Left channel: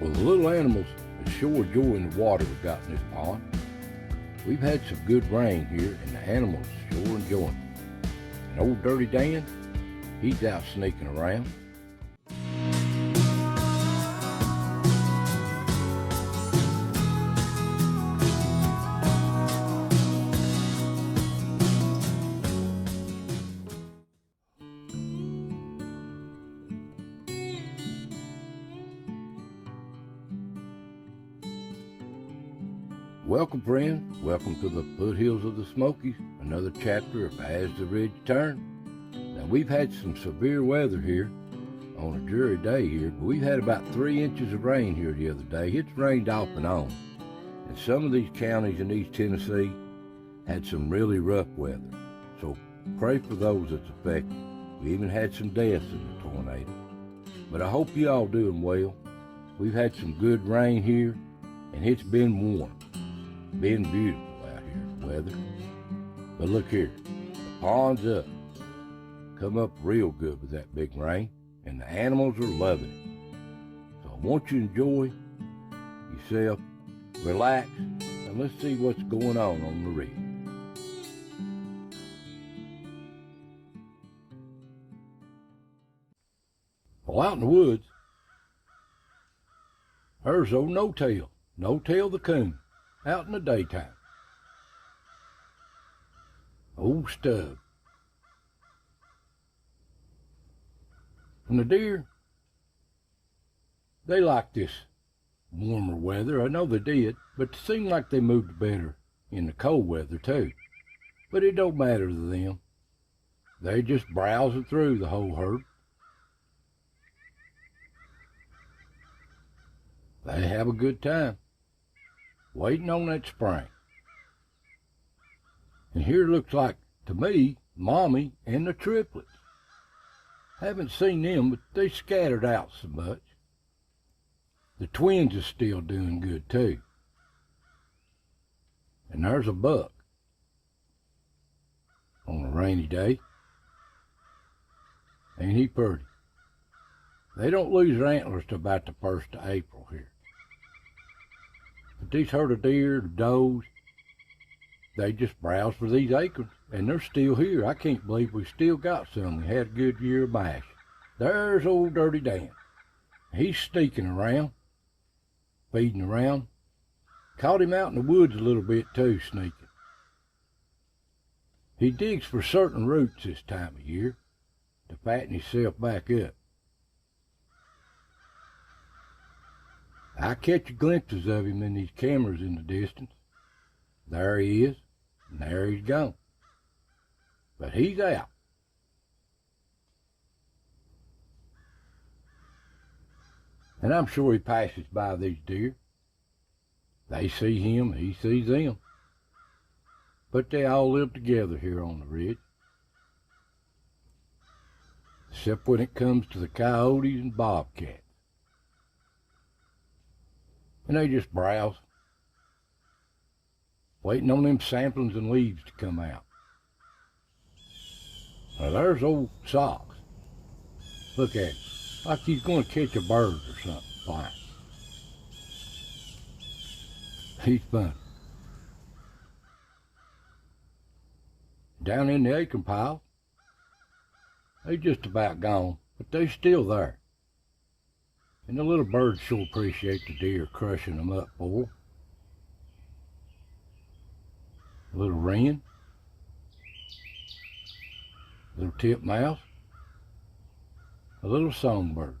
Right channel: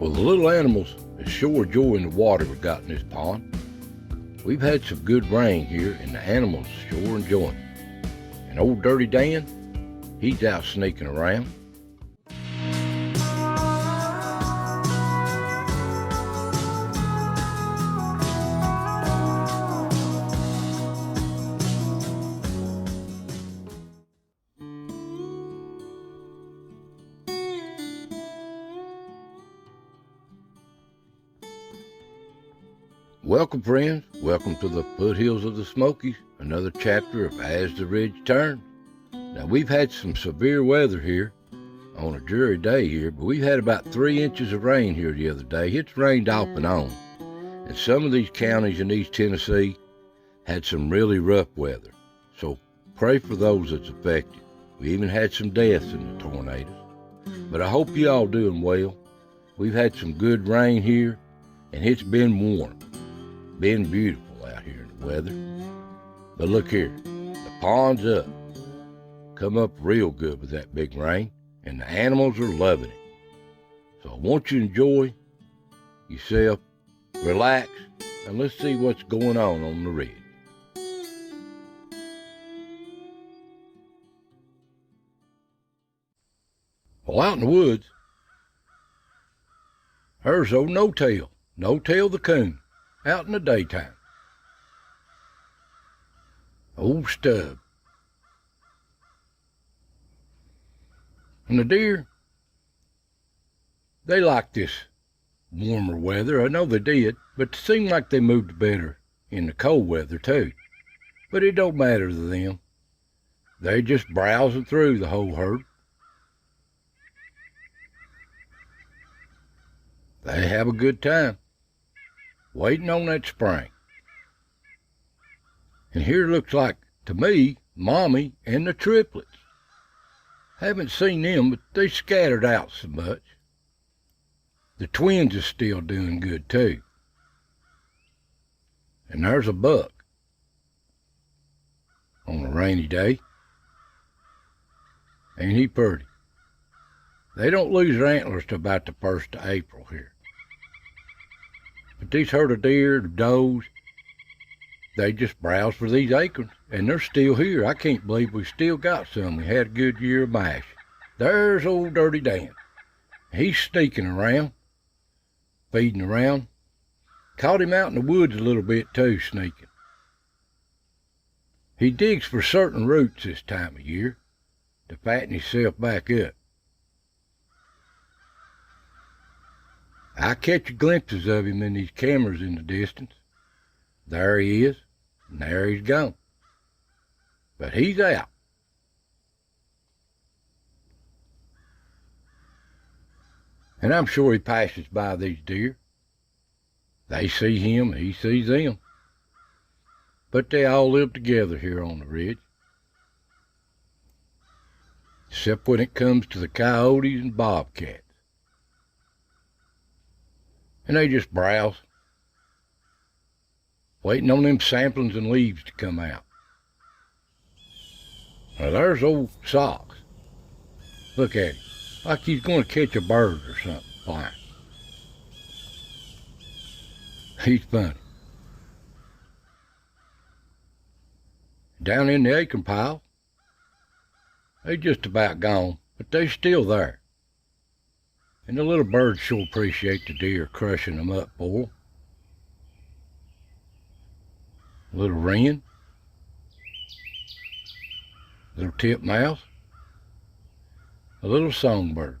Well, the little animals are sure enjoying the water we got in this pond. We've had some good rain here, and the animals sure enjoying it. And old Dirty Dan, he's out sneaking around. Welcome, friends. Welcome to the foothills of the Smokies, another chapter of As the Ridge Turns. Now, we've had some severe weather here on a dreary day here, but we've had about 3 inches of rain here the other day. It's rained off and on. And some of these counties in East Tennessee had some really rough weather. So pray for those that's affected. We even had some deaths in the tornadoes. But I hope you all doing well. We've had some good rain here, and it's been warm. Been beautiful out here, the weather. But look here, the pond's up. Come up real good with that big rain, and the animals are loving it. So I want you to enjoy yourself, relax, and let's see what's going on the ridge. Well, out in the woods, there's old No-Tail the coon, out in the daytime. Old Stub. And the deer, they like this warmer weather. I know they did, but it seemed like they moved better in the cold weather too. But it don't matter to them. They just browsing through the whole herd. They have a good time, waiting on that spring. And here looks like, to me, Mommy and the triplets. Haven't seen them, but they scattered out so much. The twins is still doing good too. And there's a buck on a rainy day. Ain't he pretty? They don't lose their antlers till about the 1st of April here. But these herd of deer, the does, they just browse for these acorns, and they're still here. I can't believe we still got some. We had a good year of mash. There's old Dirty Dan. He's sneaking around, feeding around. Caught him out in the woods a little bit too, sneaking. He digs for certain roots this time of year to fatten himself back up. I catch glimpses of him in these cameras in the distance. There he is, and there he's gone. But he's out. And I'm sure he passes by these deer. They see him, he sees them. But they all live together here on the ridge. Except when it comes to the coyotes and bobcats. And they just browse, waiting on them samplings and leaves to come out. Now there's old Socks. Look at him, like he's going to catch a bird or something flying. He's funny. Down in the acorn pile, they just about gone, but they still there. And the little birds sure appreciate the deer crushing them up for them. A little wren, little titmouse, a little songbird.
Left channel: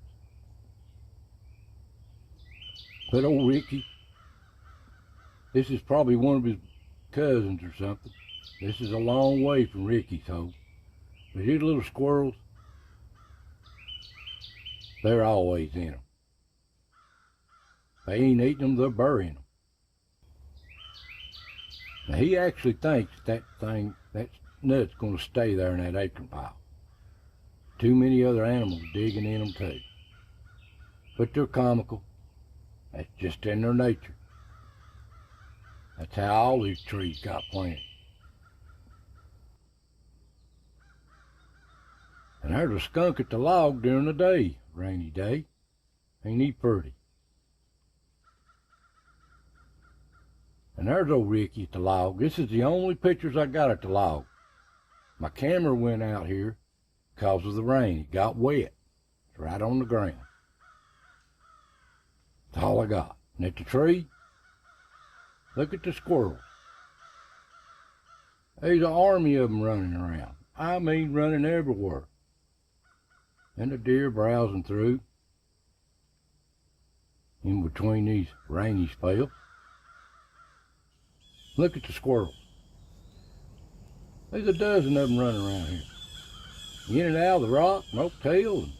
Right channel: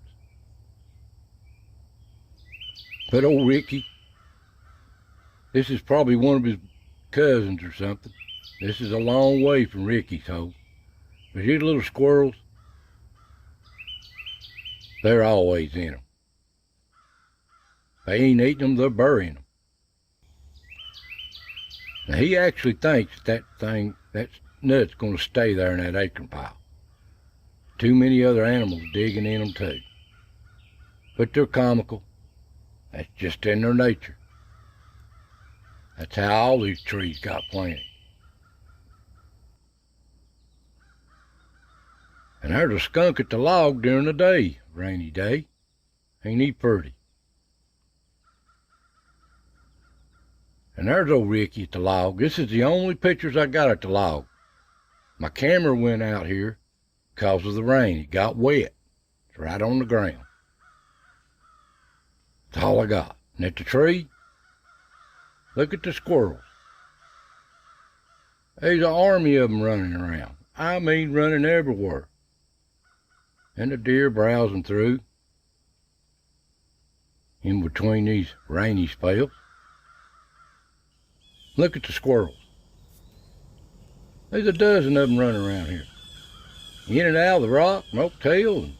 But old Ricky, this is probably one of his cousins or something. This is a long way from Ricky's home. But these little squirrels, they're always in them. They ain't eating them, they're burying them. Now he actually thinks that nut's gonna stay there in that acorn pile. Too many other animals digging in them too. But they're comical. That's just in their nature. That's how all these trees got planted. And there's a skunk at the log during the day, rainy day. Ain't he pretty? And there's old Ricky at the log. This is the only pictures I got at the log. My camera went out here because of the rain. It got wet. It's right on the ground. That's all I got. And at the tree, look at the squirrels. There's an army of them running around. I mean, running everywhere. And the deer browsing through in between these rainy spells. Look at the squirrels. There's a dozen of them running around here. In and out of the rock, no tail, and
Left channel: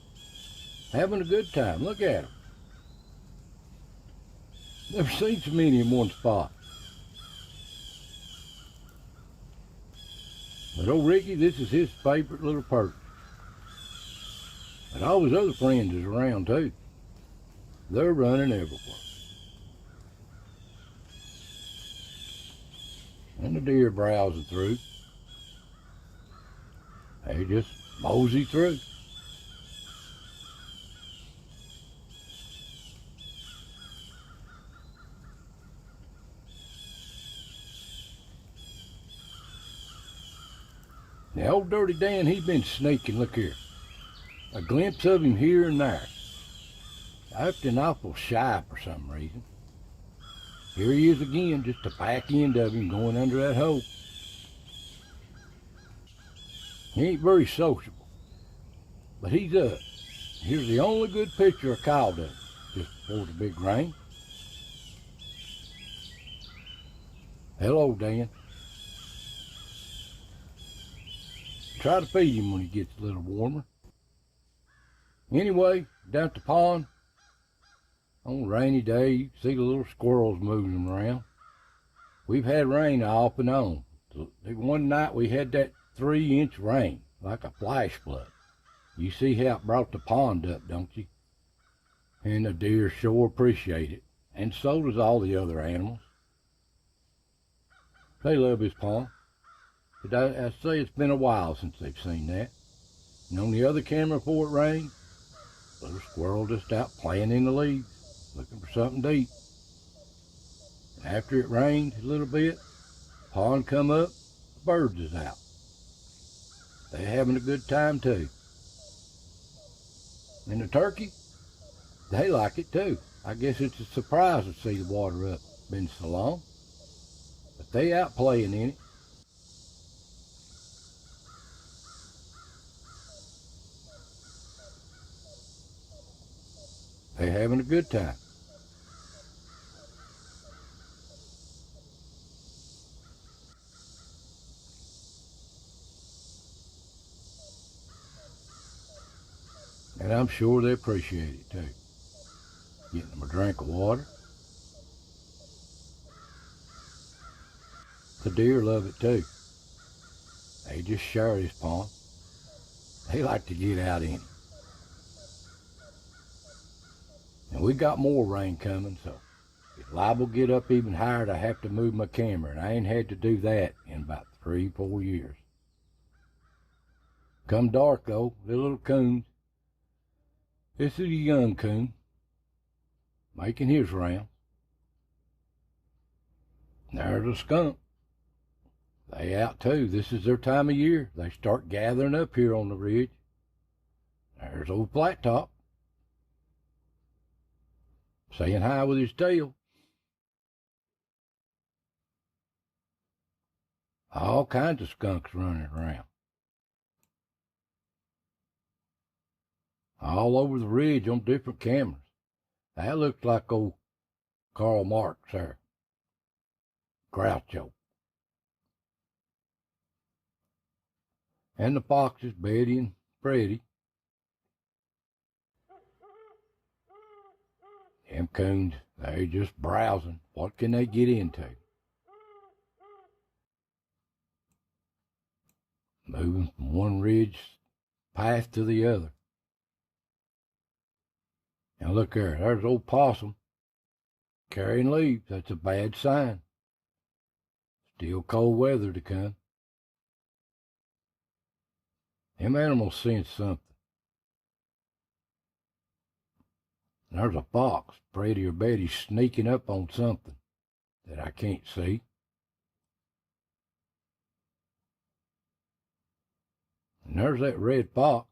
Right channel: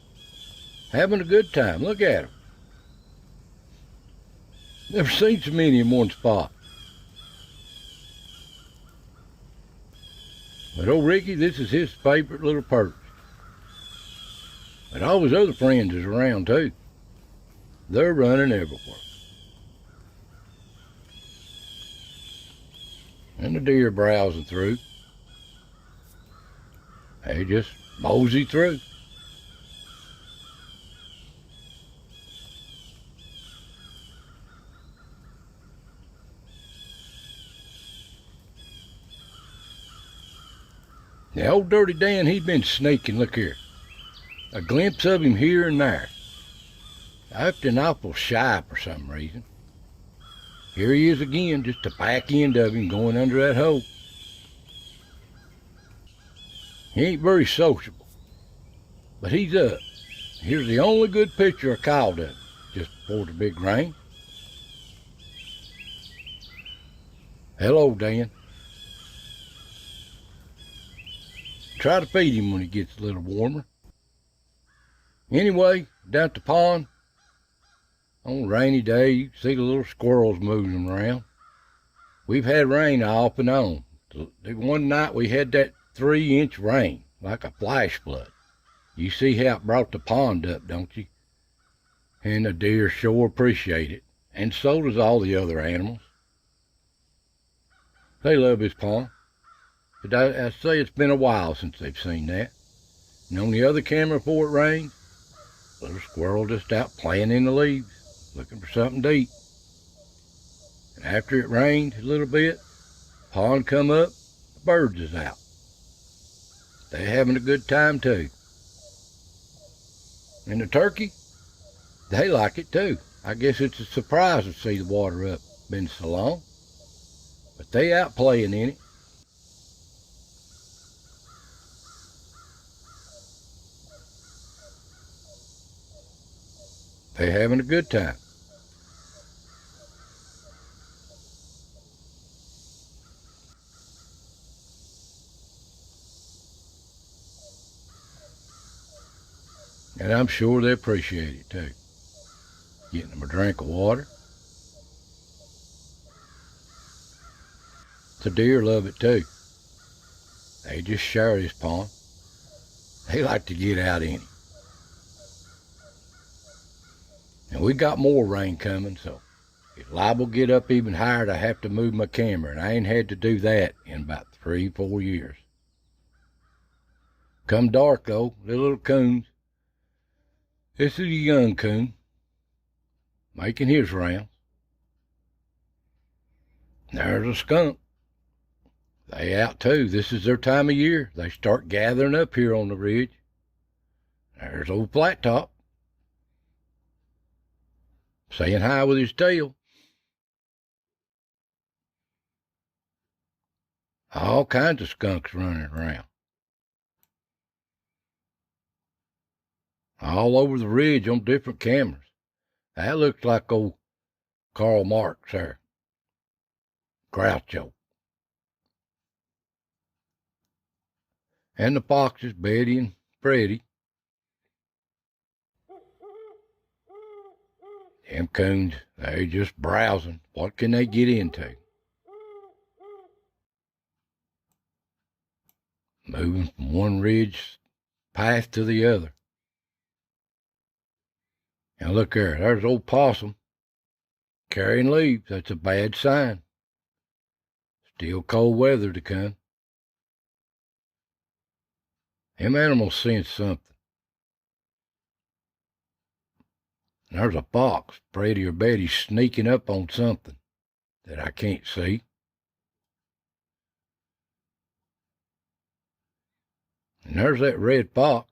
having a good time. Look at them. Never seen so many in one spot. But old Ricky, this is his favorite little perch. But all his other friends is around too. They're running everywhere. And the deer browsing through. They just mosey through. Now, old Dirty Dan, he's been sneaking. Look here. A glimpse of him here and there. Acting awful shy for some reason. Here he is again, just the back end of him going under that hole. He ain't very sociable, but he's up. Here's the only good picture I caught of him, just before the big rain. Hello, Dan. Try to feed him when he gets a little warmer. Anyway, down at the pond, on a rainy day, you can see the little squirrels moving around. We've had rain off and on. One night we had that 3-inch rain, like a flash flood. You see how it brought the pond up, don't you? And the deer sure appreciate it, and so does all the other animals. They love his pond. But I say it's been a while since they've seen that. And on the other camera before it rained, little squirrel just out playing in the leaves, looking for something to eat. And after it rained a little bit, pond come up, the birds is out. They're having a good time too. And the turkey, they like it too. I guess it's a surprise to see the water up. Been so long. But they out playing in it. They're having a good time. And I'm sure they appreciate it too. Getting them a drink of water. The deer love it too. They just share this pond. They like to get out in it. And we got more rain coming, so if liable get up even higher, I have to move my camera, and I ain't had to do that in about 3-4 years. Come dark though, the little coons. This is a young coon, making his rounds. There's a skunk. They out too. This is their time of year. They start gathering up here on the ridge. There's old Flat Top, saying hi with his tail. All kinds of skunks running around. All over the ridge on different cameras. That looks like old Karl Marx there. Groucho. And the foxes, Betty and Freddie. Them coons, they just browsing. What can they get into? Moving from one ridge path to the other. Now look there, there's old possum carrying leaves. That's a bad sign. Still cold weather to come. Them animals sense something. There's a fox, Freddie or Betty, sneaking up on something. that I can't see. And there's that red fox.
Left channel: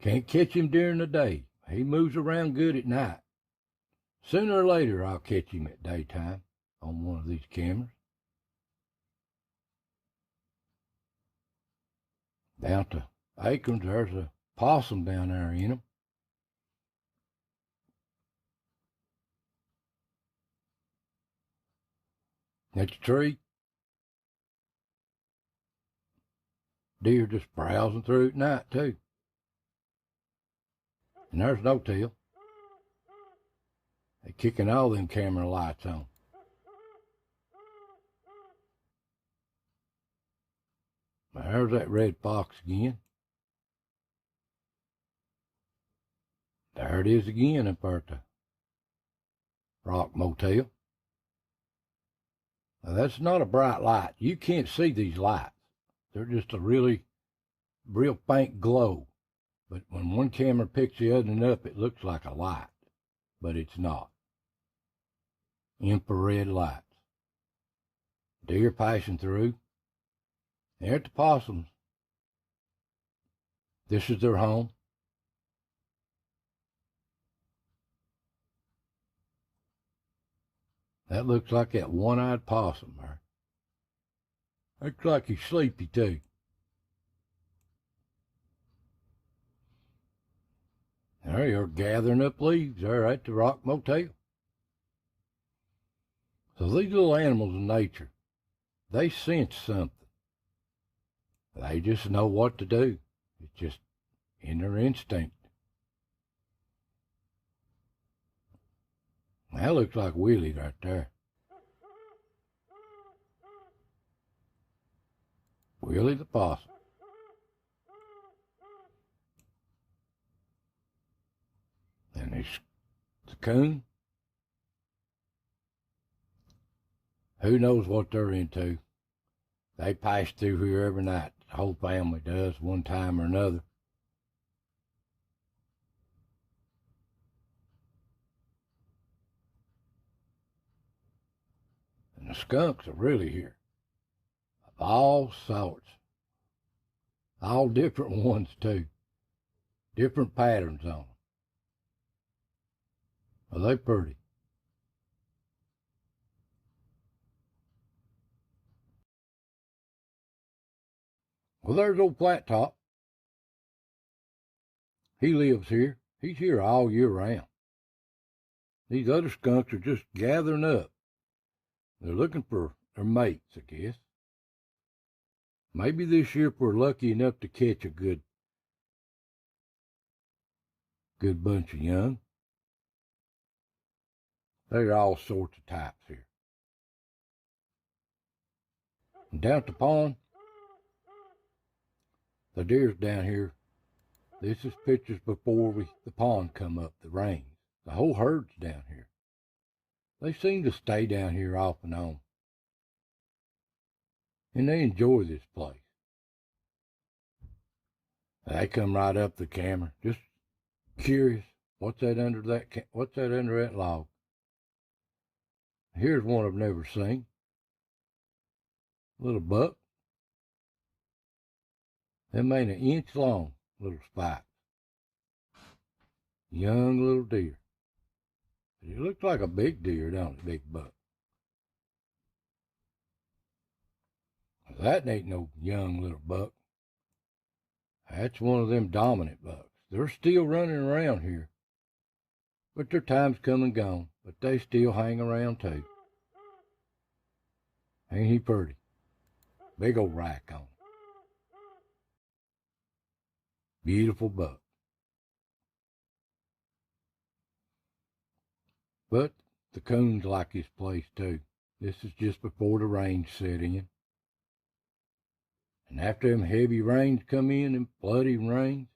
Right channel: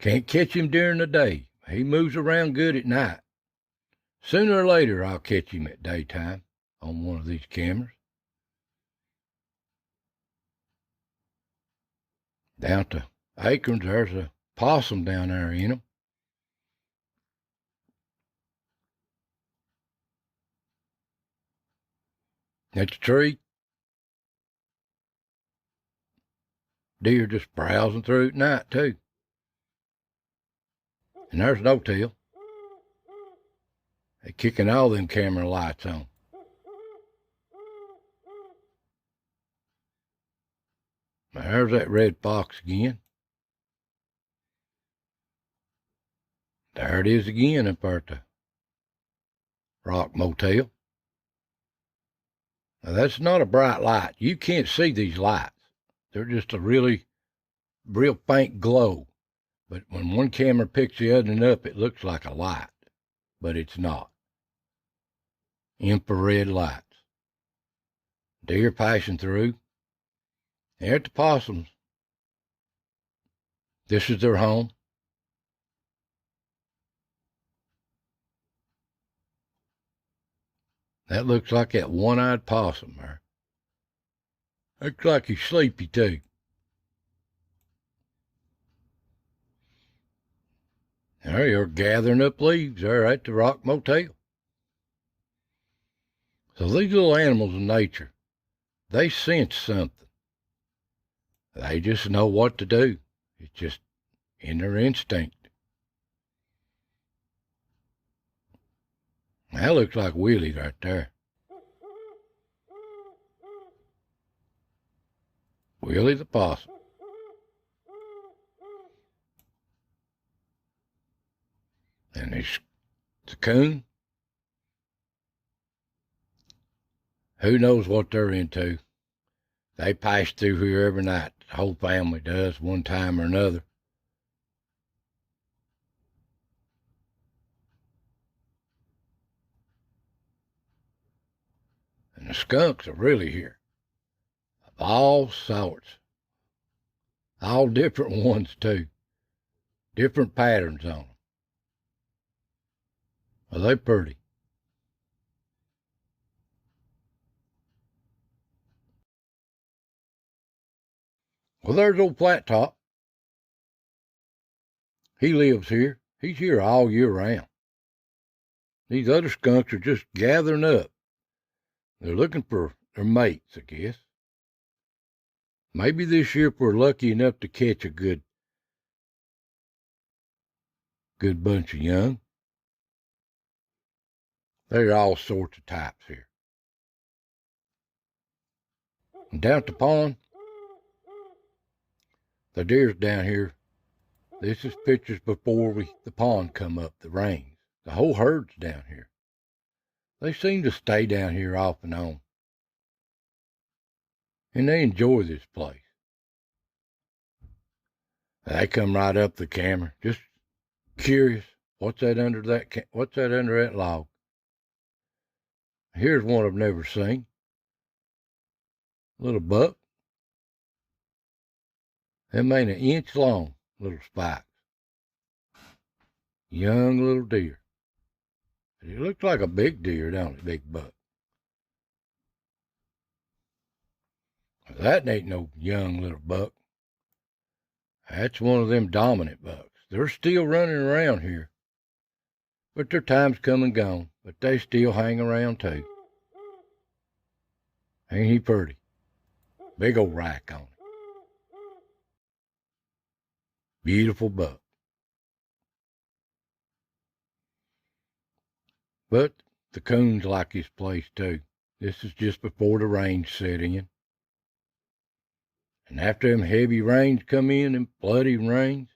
Can't catch him during the day. He moves around good at night. Sooner or later, I'll catch him at daytime on one of these cameras. Down to acorns, there's a possum down there in them. That's a tree. Deer just browsing through at night, too. And there's no tail. They're kicking all them camera lights on. There's that red fox again. There it is again up there at the Rock Motel. Now, that's not a bright light. You can't see these lights. They're just a real faint glow. But when one camera picks the other one up, it looks like a light. But it's not. Infrared lights. Deer passing through. There's the possums. This is their home. That looks like that one-eyed possum there. Looks like he's sleepy too. There you're gathering up leaves there at the Rock Motel. So these little animals in nature, they sense something. They just know what to do. It's just in their instinct. That looks like Willie right there. Willie the possum. And there's the coon. Who knows what they're into? They pass through here every night. The whole family does, one time or another. And the skunks are really here. Of all sorts. All different ones, too. Different patterns on them. Are they pretty? Well, there's old Flat Top. He lives here. He's here all year round. These other skunks are just gathering up. They're looking for their mates, I guess. Maybe this year if we're lucky enough to catch a good bunch of young. There are all sorts of types here. And down at the pond, the deer's down here. This is pictures before the pond come up, the rains. The whole herd's down here. They seem to stay down here off and on. And they enjoy this place. They come right up the camera, just curious. What's that under that log? Here's one I've never seen. Little buck. Them ain't an inch long, little spikes. Young little deer. It looks like a big deer, don't it, big buck? That ain't no young little buck. That's one of them dominant bucks. They're still running around here. But their time's come and gone, but they still hang around too. Ain't he pretty? Big old rack on it. Beautiful buck. But the coons like this place too. This is just before the rains set in. And after them heavy rains come in, them bloody rains,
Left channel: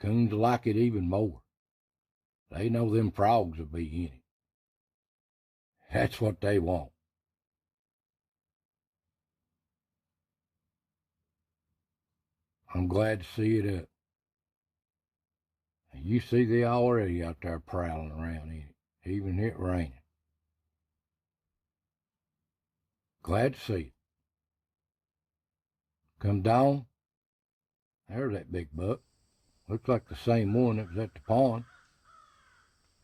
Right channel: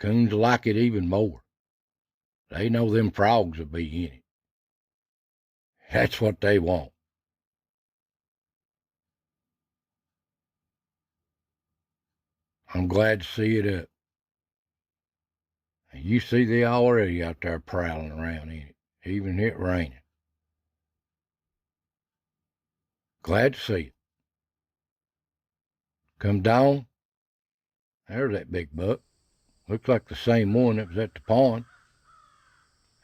coons like it even more. They know them frogs will be in it. That's what they want. I'm glad to see it up. And you see they already out there prowling around in it. even it raining. Glad to see it. Come dawn, there's that big buck. Looks like the same one that was at the pond.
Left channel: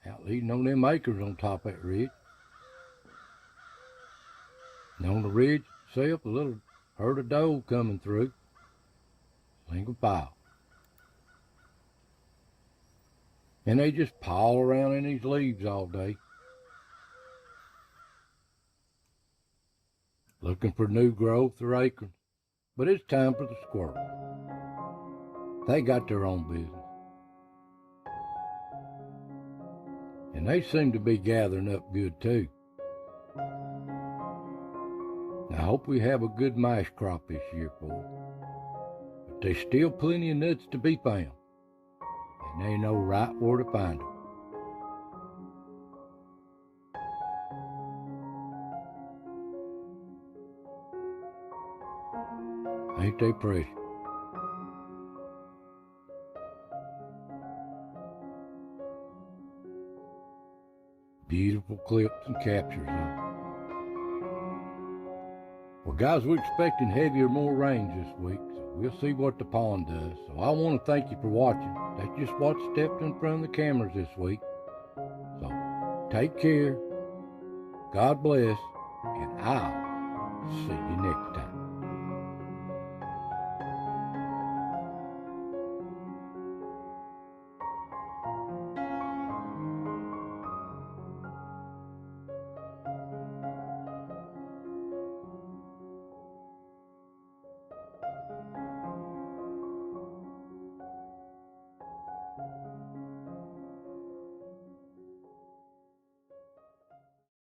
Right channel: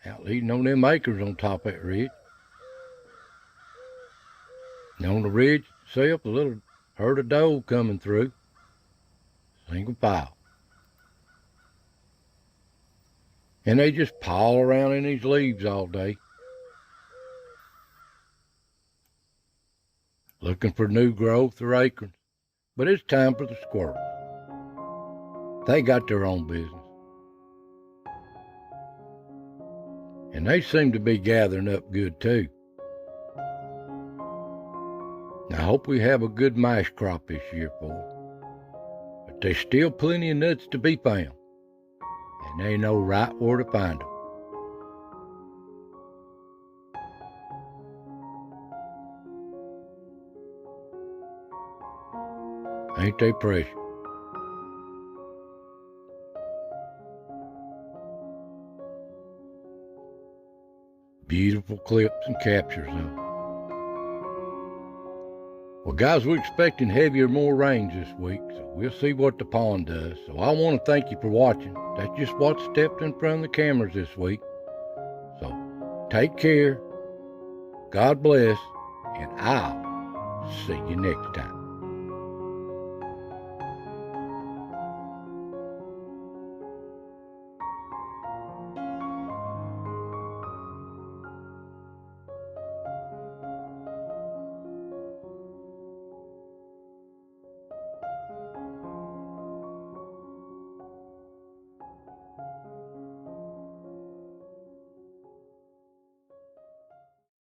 Out leading on them acres on top of that ridge. And on the ridge itself, a little herd of doe coming through. Single file. And they just pile around in these leaves all day. Looking for new growth or acorns. But it's time for the squirrels. They got their own business. And they seem to be gathering up good too. I hope we have a good mash crop this year for them. But there's still plenty of nuts to be found. And they know right where to find them. Ain't they precious? Beautiful clips and captures of them. Well, guys, we're expecting heavier, more rains this week, so we'll see what the pond does. So I want to thank you for watching. That's just what stepped in front of the cameras this week. So take care, God bless, and I'll see you next time.